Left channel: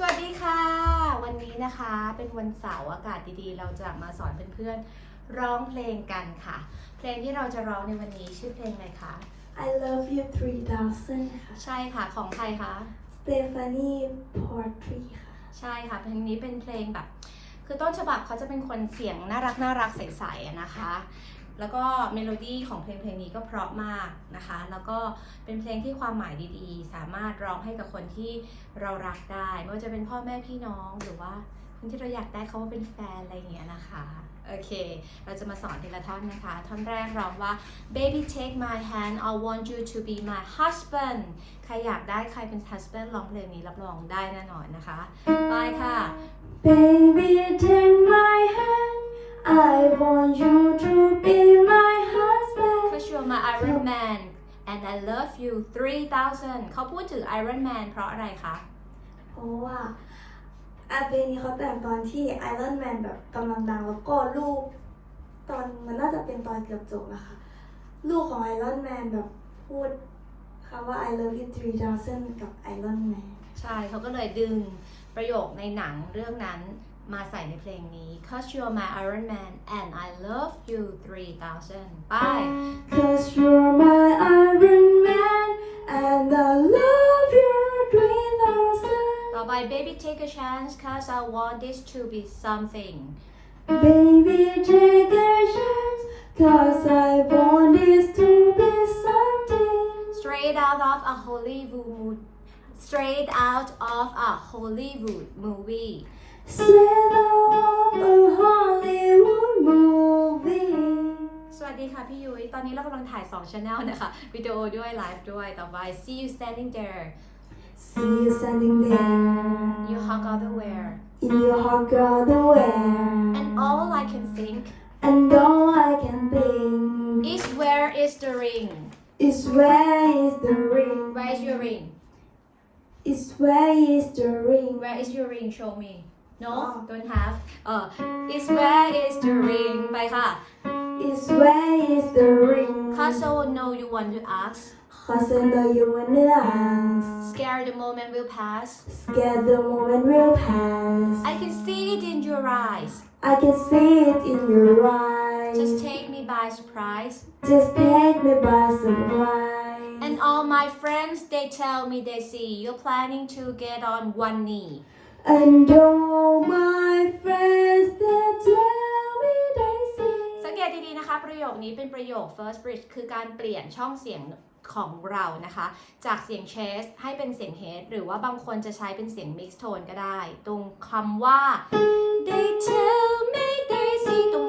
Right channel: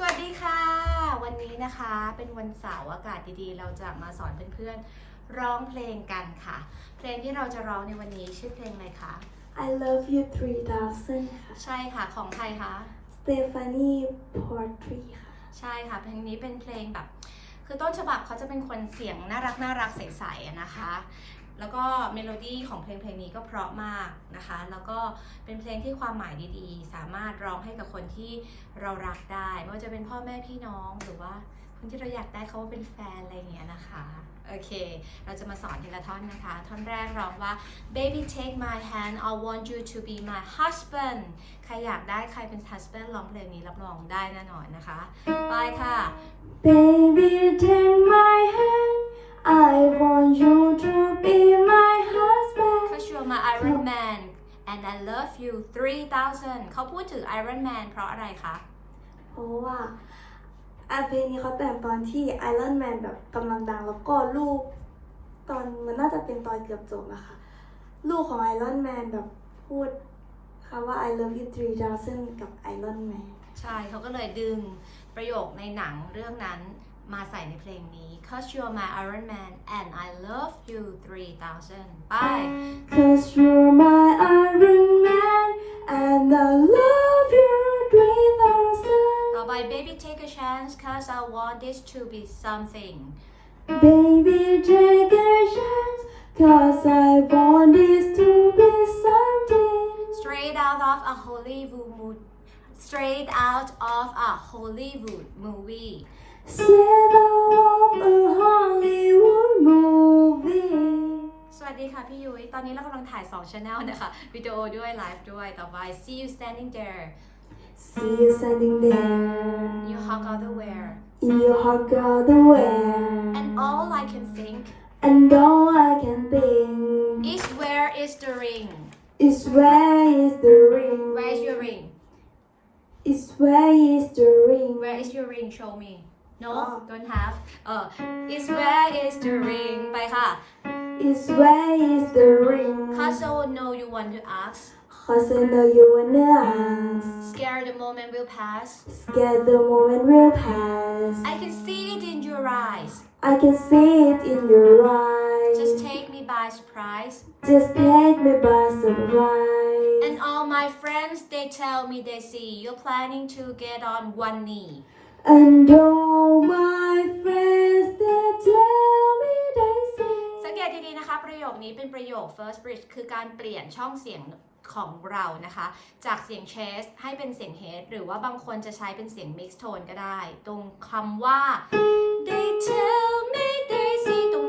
สวัสดีค่ะ วันนี้นะคะเป็นวันเสาร์อากาศดีๆ เราจะมาสอนเพื่อนๆร้องเพลงกันค่ะ เพลงที่เราจะร้องในวันนี้ชื่อเพลงอะไรคะ I love you 3000ค่ะ ใช่ค่ะของใครคะ Stephanie Portry ค่ะใช่ค่ะเพลงนี้เป็นเพลงแบบ คือต้นฉบับเขาจะเป็นคนเสียงน่ารักน่ารักใสๆอะนะคะ แล้วก็เมโลดี้ของเพลงเพลงนี้ก็เพราะมากนะคะ แล้วก็เป็นเพลงที่ความหมายดีๆ สามารถร้องให้กับคนที่เรารักได้ ไม่ว่าจะเป็นพ่อแม่พี่น้องหรือว่าคนที่เราอยากได้เขาว่าเป็นแฟนอะไรอย่างเงี้ยนะคะ โอเค เราจะมาสอนทีละท่อนนะคะ ท่อนแรกร้องว่า baby take my hand I want you to be my husband ใครอยากได้ใครเป็น husband ร้องเพลงนี้รับรองได้แน่นอนนะคะ ไปค่ะ Baby take my hand I want you to be my husband Cause you're my Iron Man and I love you 3000เขาพูดถึง Iron Man เพราะอะไรคะ เพราะว่าอันเพลงนี้เขาแต่งตอนที่ Iron Man แบบกำลังดังแล้วก็ลูก ตอนมันน่าจะเป็นตอนเกือบจบนะคะ ลูกของ Iron Man แบบพูดคำว่า I love you 3000 กับ Iron Man ใช่เขาก็เลยดึงประโยคในหนังเรื่องนั้น มาใส่ในเพลงนี้ Cause you're my Iron Man and I love you 3000 ไป Cause you're my Iron Man and I love you 3000 ต่อไป baby take a chance cause I want this to be something Baby, take a chance, cause I want this to be something. straight out of a Hollywood mo- straight out of a Hollywood movie Set off a Hollywood movie. สวัสดีค่ะพี่ยุ้ย ตอนนี้เรากำลังถ่าย2 channel นะคะ วิดีโอด้วยไลฟ์ด้วย ต่อไป see you standing there See you standing there you hug all the wear in your hot girl the wear. and all I can think And all I can think is where is the ring is where is the ring? where is your ring Is where is the ring? where is your ring show me no อ๋อ don't have เออ is where is the ring ไปค่ะ Is where is the ring? cause I know you want to ask Cause I know you wanna ask. scared the moment will pass Scared the moment will pass. I can see it in your eyes I can see it in your eyes. just take me by surprise Just take me by surprise. and all my friends they tell me they see you're planning to get on one knee And all my friends that tell me they see. สังเกตดีๆนะคะ ประโยคนี้เป็นประโยค first bridge คือการเปลี่ยนช่องเสียงของเรานะคะ จากเสียง chest ให้เป็นเสียง head หรือว่าบางคนจะใช้เป็นเสียง mix tone ก็ได้ ตรงคำว่า they tell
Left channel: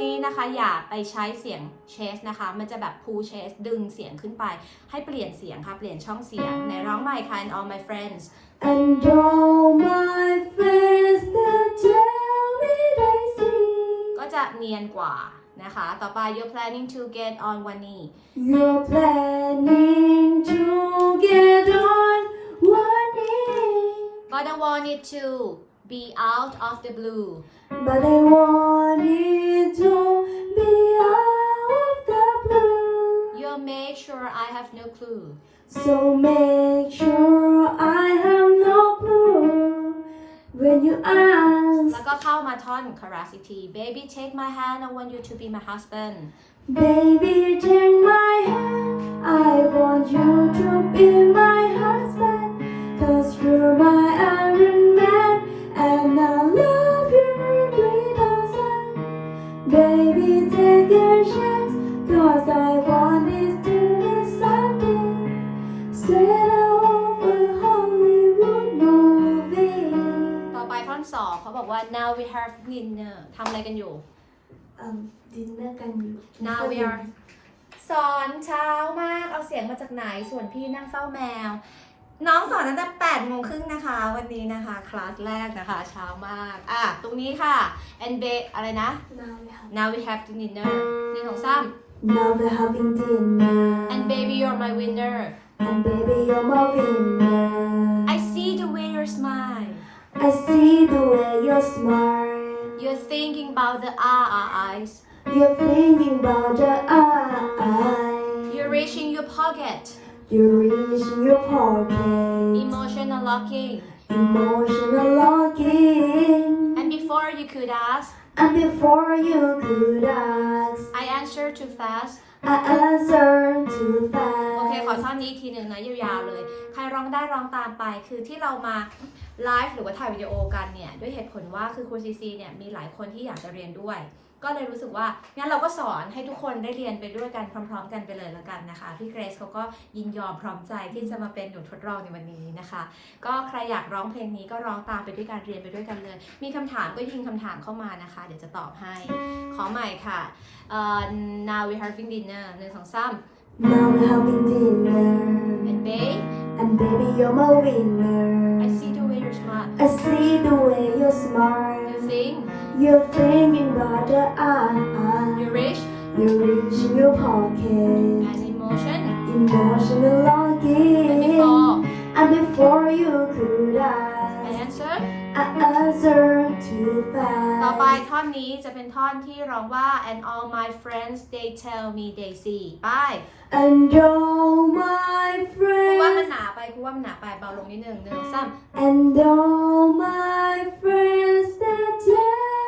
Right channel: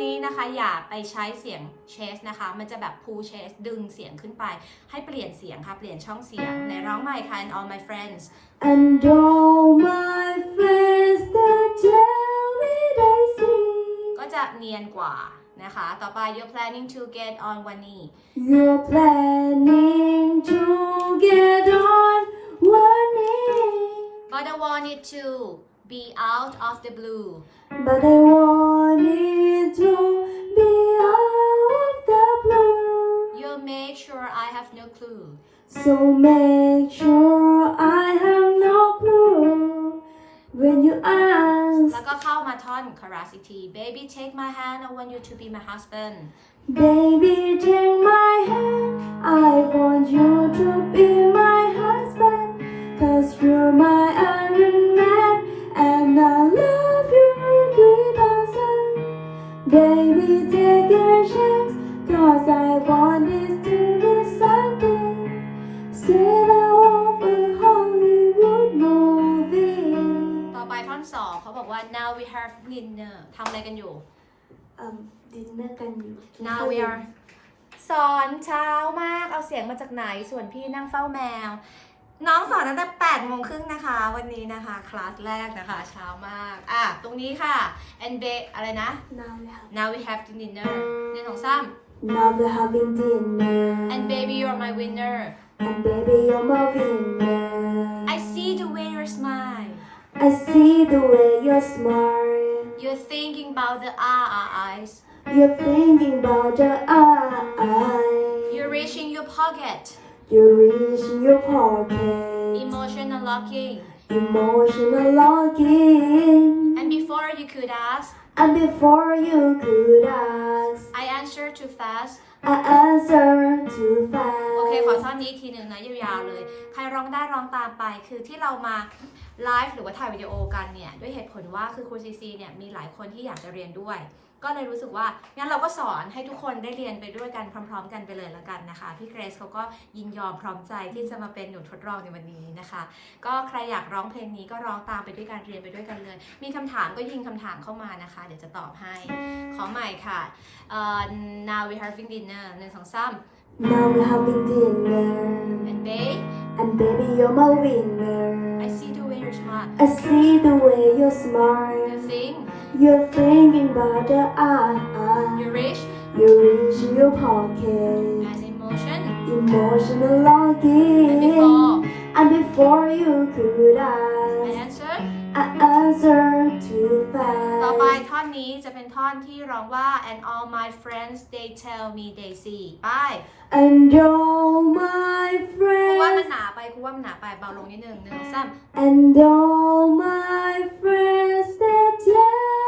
นี้นะคะอย่าไปใช้เสียง chest นะคะ มันจะแบบ pull chest ดึงเสียงขึ้นไป ให้เปลี่ยนเสียงค่ะ เปลี่ยนช่องเสียงในร้องใหม่ค่ะ and all my friends And all my friends they tell me they see. ก็จะเนียนกว่านะคะ ต่อไป you're planning to get on one knee You're planning to get on one knee. But I want it to be out of the blue. But I want make sure I have no clue. So make sure I have no clue when you ask. แล้วก็เข้ามาท่อน chorus อีกที Baby take my hand I want you to be my husband Baby, take my hand. I want you to be my husband. Cause you're my Iron Man. And I love you 3000. Baby, take a chance. Cause I want อไปท่อน2เขาบอกว่า now we have dinner ทำอะไรกันอยู่เอิ่มดินเนอร์กันอยู่ now we are สอนเช้ามาก เอาเสียงมาจากไหน ส่วนพี่นั่งเฝ้าแมว น้องสอนตั้งแต่8โมงครึ่งนะคะ วันนี้นะคะ คลาสแรกนะคะ เช้ามาก อะ ตรงนี้ค่ะ and be อะไรนะ Now we have now we have dinner หนึ่งสองสาม Now we're having dinner. and baby you're my winner And baby, you're my winner. I see the way you smile I see the way you smile. you're thinking about the eyes You're thinking about the eyes. you're reaching your pocket You reach in your pocket. emotional locking Emotional could ask and before you could ask, I answer too fast I answer too fast. โอเค ขอท่อนนี้อีกทีหนึ่งนะยาวๆเลย ใครร้องได้ร้องตามไป คือที่เรามา ไลฟ์หรือว่าถ่ายวิดีโอกันเนี่ยด้วยเหตุผลว่าคือครูซีซีเนี่ยมีหลายคนที่อยากจะเรียนด้วย ก็เลยรู้สึกว่างั้นเราก็สอนให้ทุกคนได้เรียนไปด้วยกันพร้อม ๆ กันไปเลยแล้วกันนะคะ พี่เกรซเขาก็ยินยอมพร้อมใจที่จะมาเป็นหนูทดลองในวันนี้นะคะ ก็ใครอยากร้องเพลงนี้ก็ร้องตามไปด้วยกันเรียนไปด้วยกันเลย มีคำถามก็ยิงคำถามเข้ามานะคะ เดี๋ยวจะตอบให้ ขอใหม่ค่ะเอ่อ now we having dinner หนึ่งสองสาม Now we're having dinner, and babe and baby, you're my winner. I see the way you're smart. you think You're thinking about the eye. you're rich You reach your pocket. and emotion Emotional longing. and before And before you could I ต่อไปท่อนนี้จะเป็นท่อนที่ร้องว่า and all my friends they tell me they see ไป And all my ครูว่ามัน friends, หนาไปครูว่ามันหนาไปเบาลงนิดนึงหนึ่งสองสาม and all my friends that tell me they see.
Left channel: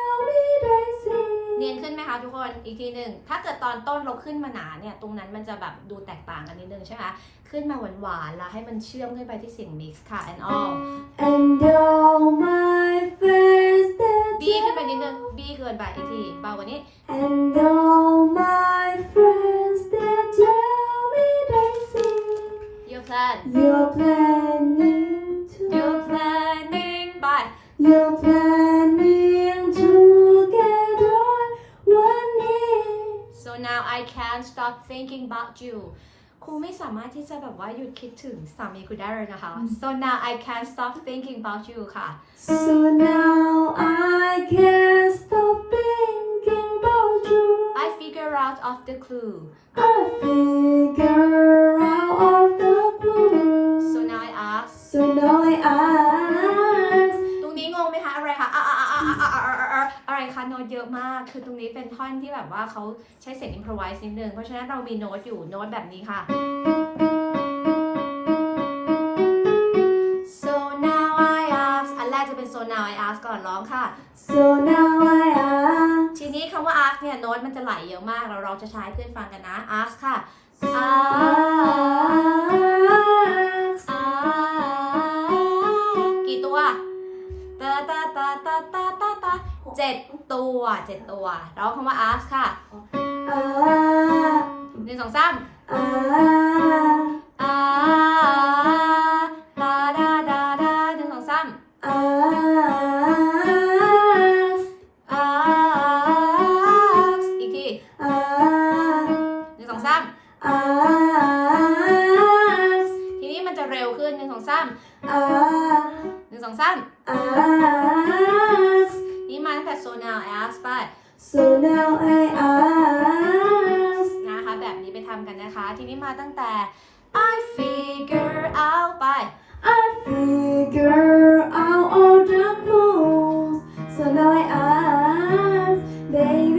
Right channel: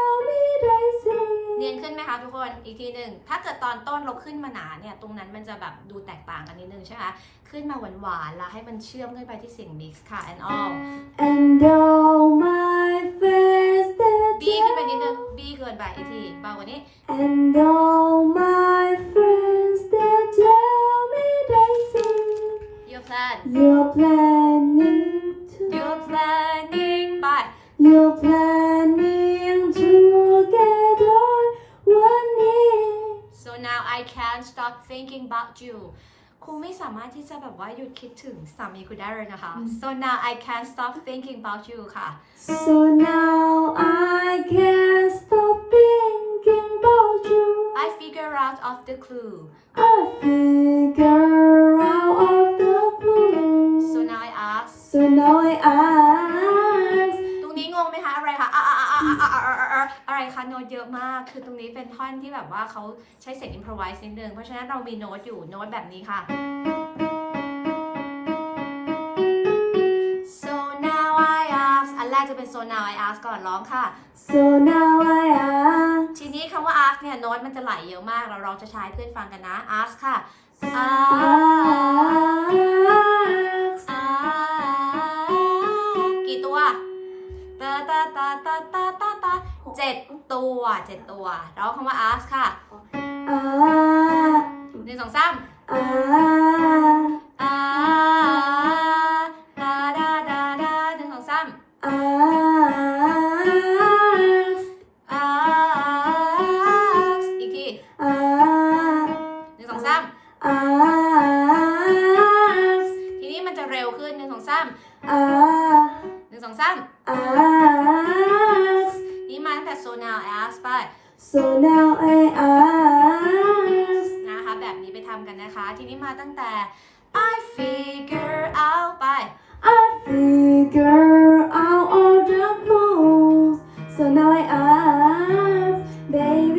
เนียนขึ้นไหมคะทุกคน อีกทีหนึ่ง ถ้าเกิดตอนต้นเราขึ้นมาหนาเนี่ย ตรงนั้นมันจะแบบดูแตกต่างกันนิดนึงใช่ไหมขึ้นมาหวานๆ แล้วให้มันเชื่อมขึ้นไปที่เสียง mix ค่ะ and all And all my friends that บีขึ้นไปนิดนึงบีเกินไปอีกที เบากว่านี้ And all my friends that tell me they see your plan you're planning I can't stop thinking about you ครูไม่สามารถที่จะแบบว่าหยุดคิดถึงสามีคุณได้เลยนะคะ so now I can't stop thinking about you ค่ะ So now I can't stop thinking about you. I figure out of the clue I figure คะโน้ตเยอะมาก คือตรงนี้เป็นท่อนที่แบบว่าเขาใช้เสียง improvise นิดนึง เพราะฉะนั้นเรามีโน้ตอยู่โน้ตแบบนี้ค่ะ so now I ask อันแรกจะเป็น so now I ask ก่อนร้องค่ะ So now I ask. ทีนี้คำว่า ask เนี่ยโน้ตมันจะไหลเยอะมาก เราเราจะใช้เพื่อนฟังกันนะ ask ค่ะ ask Ask. ask กี่ตัวตาตาตาตาตาตาตา เจ็ดตัวเจ็ดตัวร้องคำว่า ask ค่ะ Ask. หนึ่งสองสาม Ask. อาดาดาดาดาหนึ่งสองสาม Ask. อาอีกที Ask. หนึ่งสองสาม Ask. ทีนี้มันจะเร็วขึ้นหนึ่งสองสาม Ask. หนึ่งสองสาม Ask. นี่ มาตั้งแต่ so now ask ไป So now I ask. นะคะแบบนี้ไปทำกันนะคะ ทีนี้มาตั้งแต่ I figure out ไป I figure out all the clues. So now I ask, baby,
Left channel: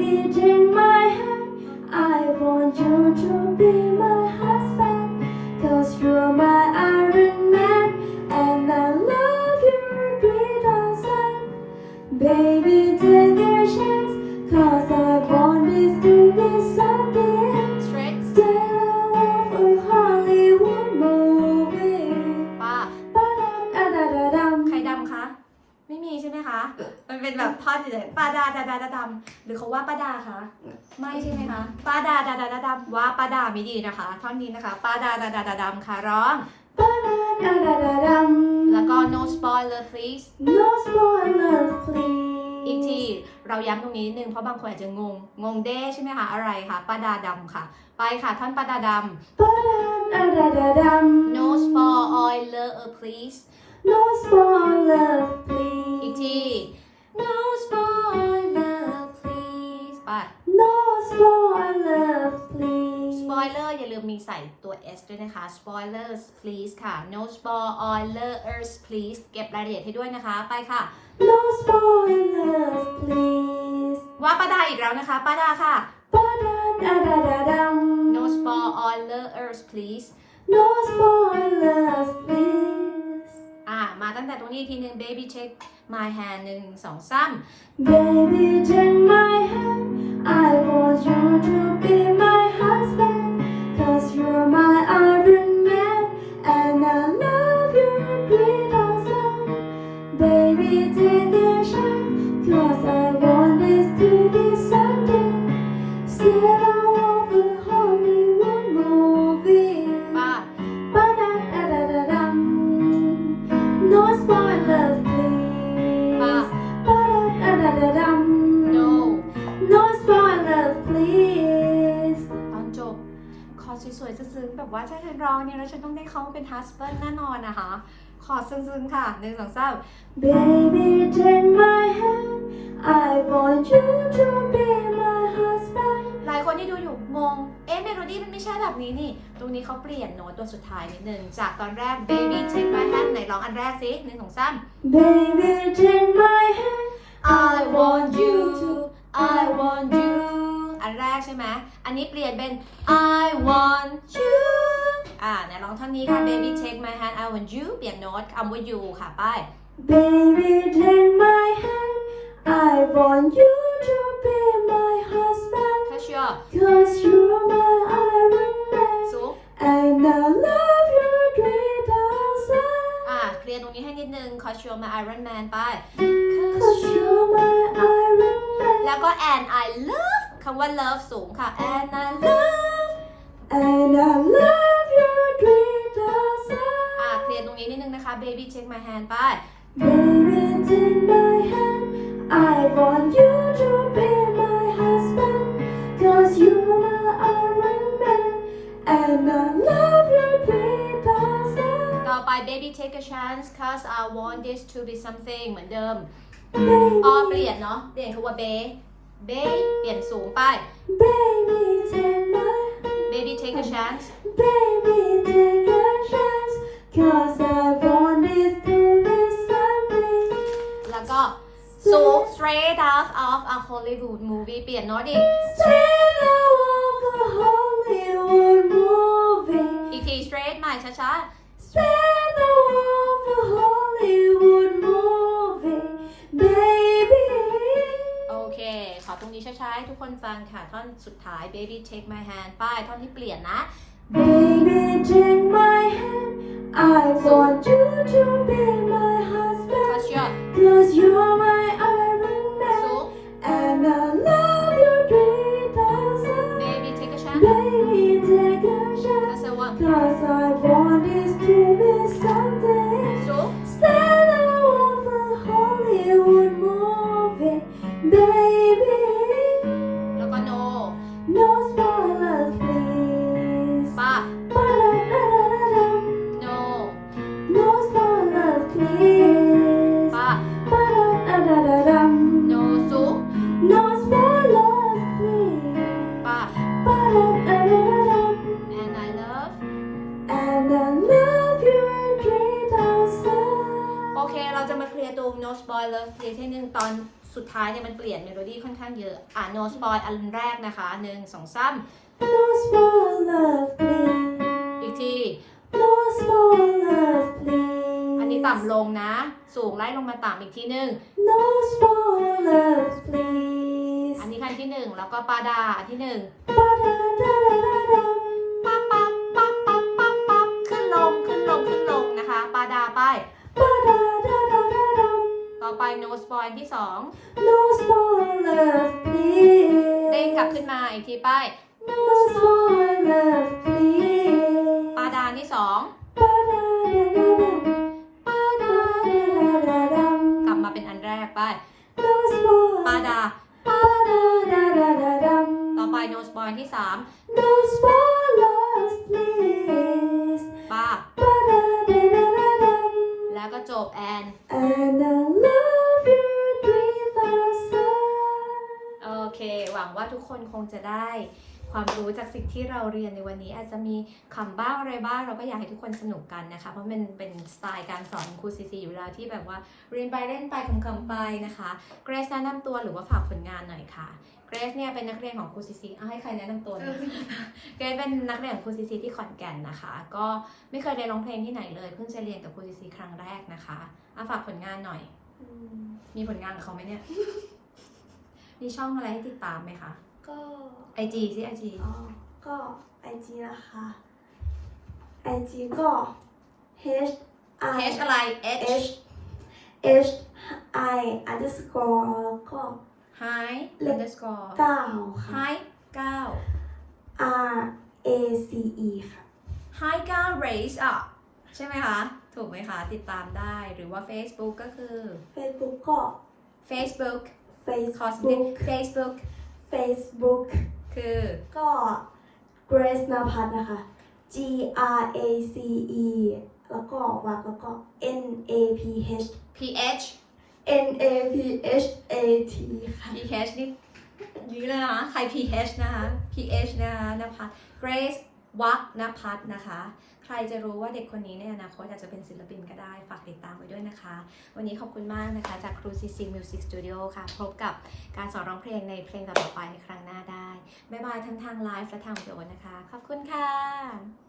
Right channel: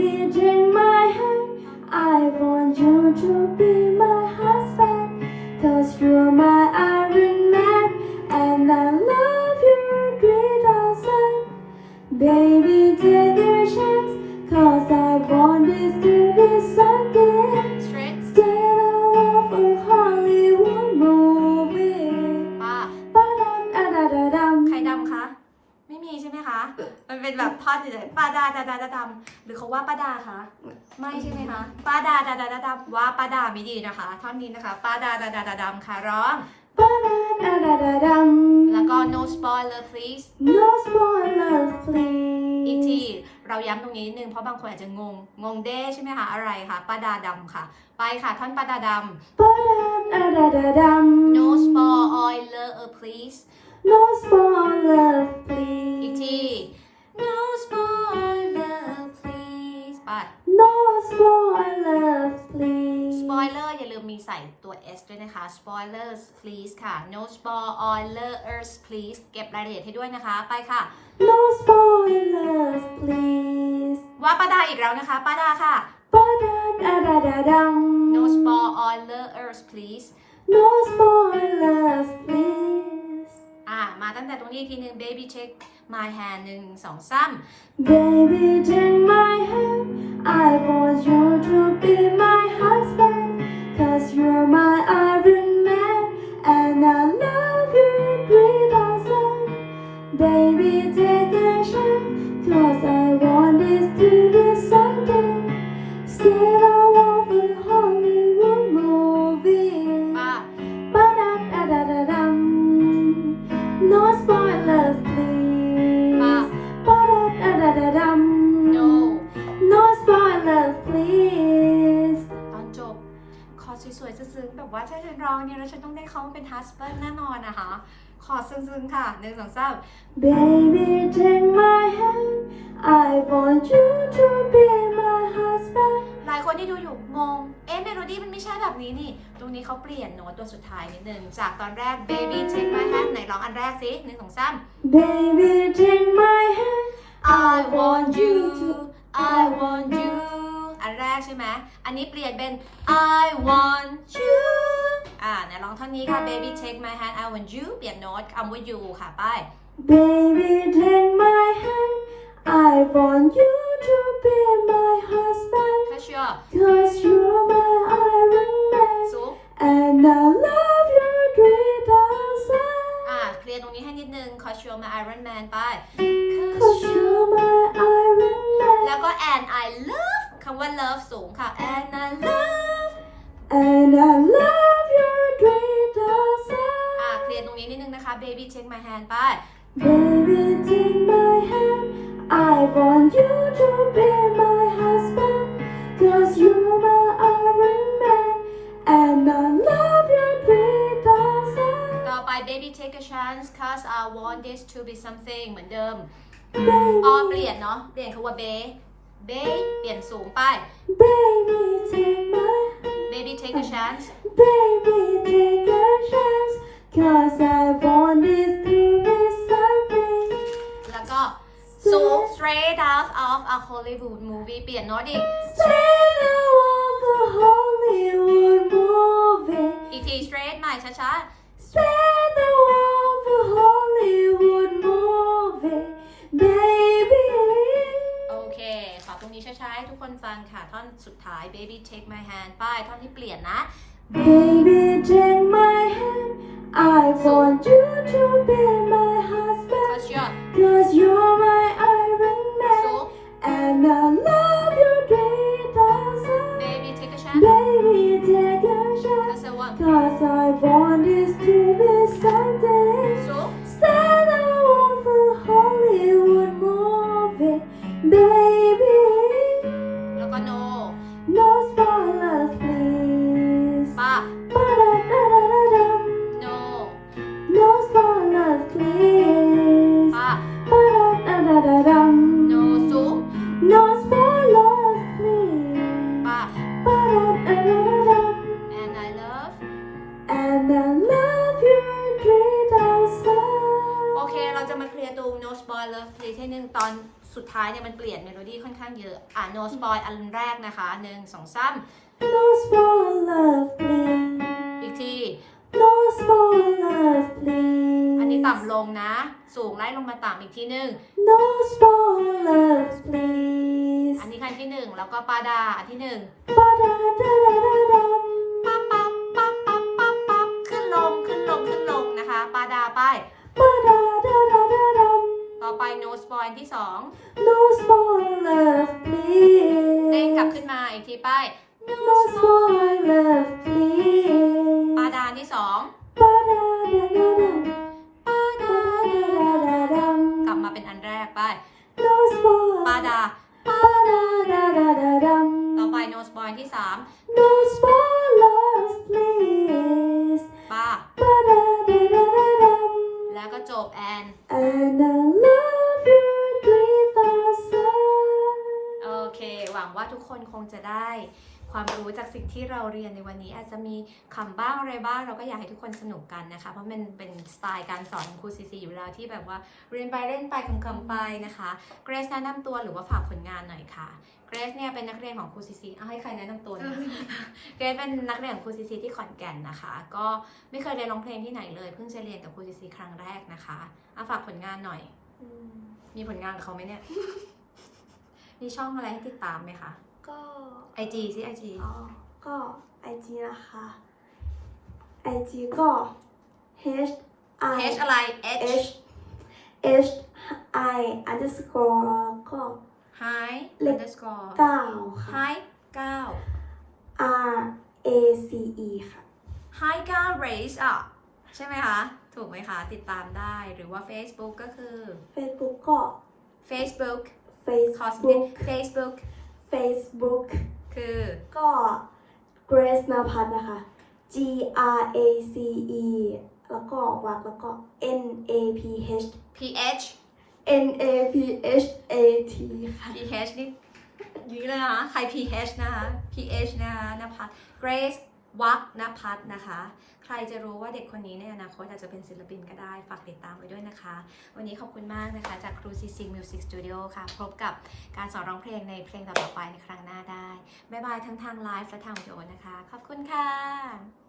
หรือเขาว่าป้าดาคะไม่ใช่ไหมคะป้าดาดาดาดาดำว่าป้าดาไม่ดีนะคะ ท่อนนี้นะคะป้าดาดาดาดาดำค่ะร้อง Ba-da-da-da-da-dum. แล้วก็ no spoiler please No spoilers, please. อีกทีเราย้ำตรงนี้นิดนึงเพราะบางคนอาจจะงง งงเด้ใช่ไหมคะ อะไรคะป้าดาดำค่ะ ไปค่ะ ท่อนป้าดาด Ba-da-da-da-da-dum. ำ no spoiler please No spoilers, please. อีกที no spoiler please ไป No spoilers, please. spoiler อย่าลืมมีใส่ตัว s ด้วยนะคะ spoilers please ค่ะ no spoilers please เก็บรายละเอียดให้ด้วยนะคะ ไปค่ะ No spoilers, please. ว่าป้าดาอีกแล้วนะคะป้าดาค่ะ Ba-da-da-da-da-dum. no spoilers please No spoilers, please. อ่า มาตั้งแต่ตรงนี้อีกทีหนึ่ง baby take my hand หนึ่งสองสาม Baby, take my hand. I want you to be my อสวยๆซึ้งๆแบบว่าถ้าฉันร้องเนี่ยแล้วฉันต้องได้เขามาเป็น husband แน่นอนนะคะ ขอซึ้งๆค่ะหนึ่งสองสาม Baby, take my hand. I want you to be my husband. หลายคนที่ดูอยู่งง เอ๊ะเมโลดี้มันไม่ใช่แบบนี้นี่ ตรงนี้เขาเปลี่ยนโน้ตตัวสุดท้ายนิดนึง จากตอนแรก baby take my hand ไหนร้องอันแรกสิหนึ่งสองสาม Baby, take my hand. I want you I want you อันแรกใช่ไหมอันนี้เปลี่ยนเป็น I want you อ่าไหนลองท่อนนี้ค่ะ baby take my hand I want you เปลี่ยนโน้ตคำว่า you ค่ะไป Baby, take my hand. I want you to be my husband. ถ้าเชื่อ Cause you're my Iron Man. สูง And I love you great outside. อ่าเคลียร์ตรงนี้ให้นิดนึง cause you're my Iron Man ไป Cause cause you you're my Iron Man. แล้วก็ and I love คำว่า love สูงค่ะ and I love And I love you great outside. อ่า เคลียร์ตรงนี้นิดนึงนะคะ baby take my hand ไป Baby, take my hand. I want you to be my husband. Cause you're my Iron Man. And I love you great outside. ต่อไป baby take a chance cause I want this to be something เหมือนเดิม Baby, อ๋อเปลี่ยนเนาะ เปลี่ยนคำว่า bay bay เปลี่ยนสูงไป baby, take my baby take a chance Baby, take a chance. Cause I want this to be something. แล้วก็สูง straight out of a Hollywood movie เปลี่ยนโน้ตอีก Straight out of a Hollywood movie. อีกที straight ใหม่ช้า Straight นี้ช้าๆให้ทุกคนฟังค่ะ ท่อนสุดท้าย baby take my hand ป้ายท่อนที่เปลี่ยนนะ Baby, take my hand. I want you to be my husband. cause you're Cause you're my Iron Man. สูง And I love you great outside. baby take a chance Baby, take a chance. cause I want Cause I ตอนสุดท้ายเนี่ยมันเปลี่ยนเมโลดี้ค่อนข้างเยอะ อะ no spoil อันแรกนะคะหนึ่งสองสาม No spoilers, please. อีกที No spoilers, please. อันนี้ต่ำลงนะ สูงไล่ลงมาต่ำอีกทีหนึ่ง No spoilers, please. อันนี้ขั้นที่หนึ่งแล้วก็ปาดาอันที่หนึ่ง Ba-da-da-da-da-dum. ปั๊บปั๊บปั๊บปั๊บปั๊บปั๊บขึ้นลงขึ้นลงขึ้นลงนะคะ ปาดาไป Ba-da-da-da-da-dum. ต่อไป no spoil อันที่สอง No spoilers, please. เด้งกลับขึ้นมาอีกทีไป No spoilers, please. ปาดาอันที่สอง Ba-da-da-da-da-dum. กลับมาเป็นอันแรกไป No spoilers. ปาดา Ba-da-da-da-da-dum. ต่อไป no spoil อันที่สาม No spoilers, please. ป้า Ba-da-da-da-da-dum. แล้วก็จบแอน And I love you three thousand. โอเค หวังว่าทุกคนคงจะได้ ความรู้จากสิ่งที่เราเรียนในวันนี้ อาจจะมีคำบ้างอะไรบ้าง เราก็อยากให้ทุกคนสนุกกันนะคะ เพราะมันเป็นสไตล์การสอนของครูซีซีอยู่แล้วที่แบบว่าเรียนไปเล่นไปคำๆไปนะคะเกรซแนะนำตัวหรือว่าฝากผลงานหน่อยค่ะเกรซเนี่ยเป็นนักเรียนของครูซีซีเอาให้ใครแนะนำตัวนะเกรซเป็นนักเรียนของครูซีซีที่ขอนแก่นนะคะ ก็ไม่เคยเรียนร้องเพลงที่ไหนเลยเพิ่งจะเรียนกับครูซีซีครั้งแรกนะคะเอาฝากผลงานหน่อยอืมมีผลงานกับเขาไหมเนี่ยมีช่องอะไรให้ติดตามไหมคะ ก็ไอจีสิไอจีอ๋อก็ไอจีนะคะไอจีก็ h i H อะไร H h h i underscore ก็ hi เล็ก underscore เก้าค่ะ hi เก้า R A C E ค่ะ hi เก้า raise up ใช่ไหมคะ ถูกไหมคะ ติดตามได้หรือว่า Facebook ก็คือ Facebook ก็ Facebook ขอสักนิด Facebook Facebook Facebook คือ ก็ Grace นภัทรนะคะ G R A C E แล้วก็วักแล้วก็ N A P H PH N A P H A T ค่ะ PH นี่ยืดเลยนะคะใคร PH นะคะ PH นะคะนภัส Grace วักนภัสนะคะ ใครจะรู้ว่าเด็กคนนี้ในอนาคตอาจจะเป็นศิลปินก็ได้ ฝากติดตามไว้ด้วยนะคะ วันนี้ขอบคุณมากนะคะจากครูซีซิงมิวสิกสตูดิโอค่ะ พบกับการสอนร้องเพลงในเพลงต่อๆไปในครั้งหน้าได้ บ๊ายบายทั้งทางไลฟ์และทางวิดีโอนะคะ ขอบคุณค่ะ